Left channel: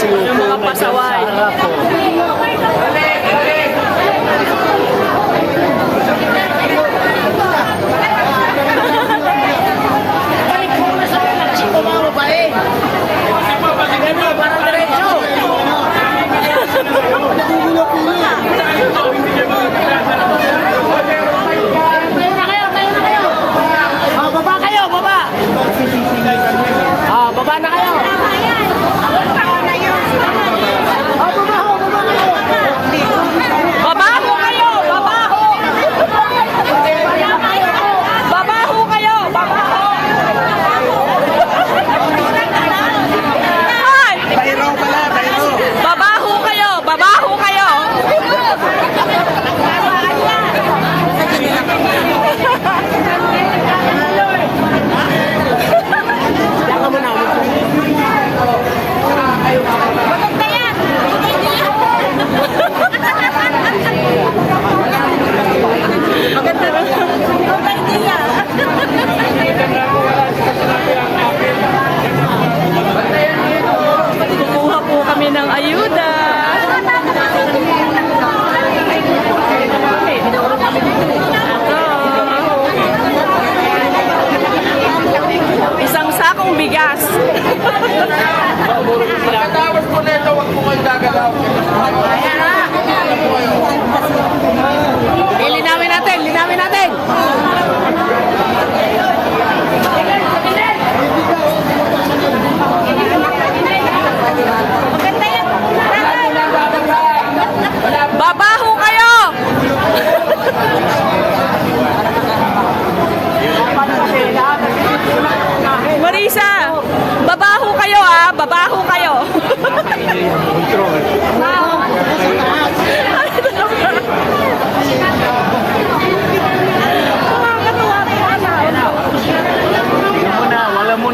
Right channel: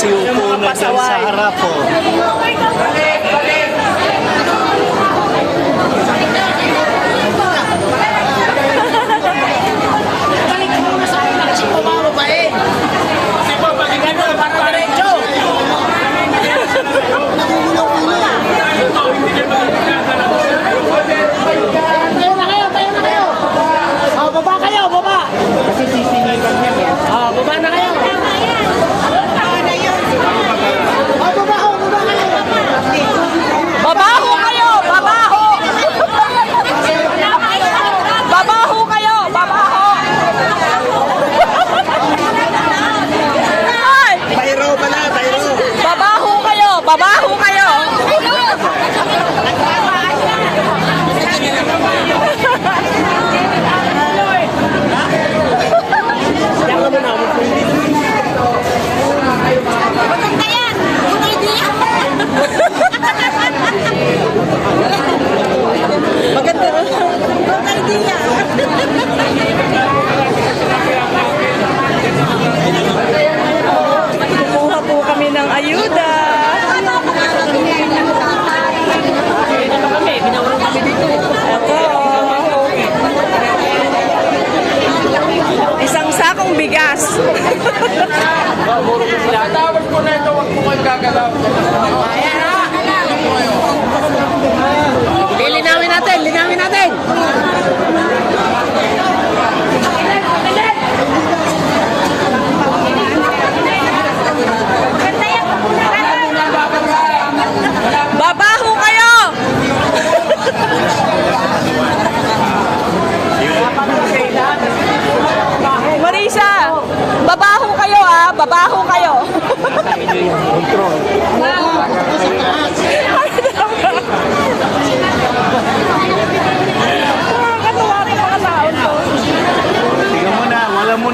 Yung mga pasaway. Sa harap ko. Babaho kayo! Babaho! Babaho kayo! Babaho! Ay! Bayro pala, bayro. Babaho kayo! Babaho kayo! Maganda yan! Maganda. Kumuha po kami ng ayuda. Ito. Isang sakong bigas. Pagkatapos po na ito, huwag po kayo gagalaw. Ayan na. Linawin natin, linawin natin. Maganda yan! Babaho kayo! Marisa, babaho kayo ah, babaho kayo.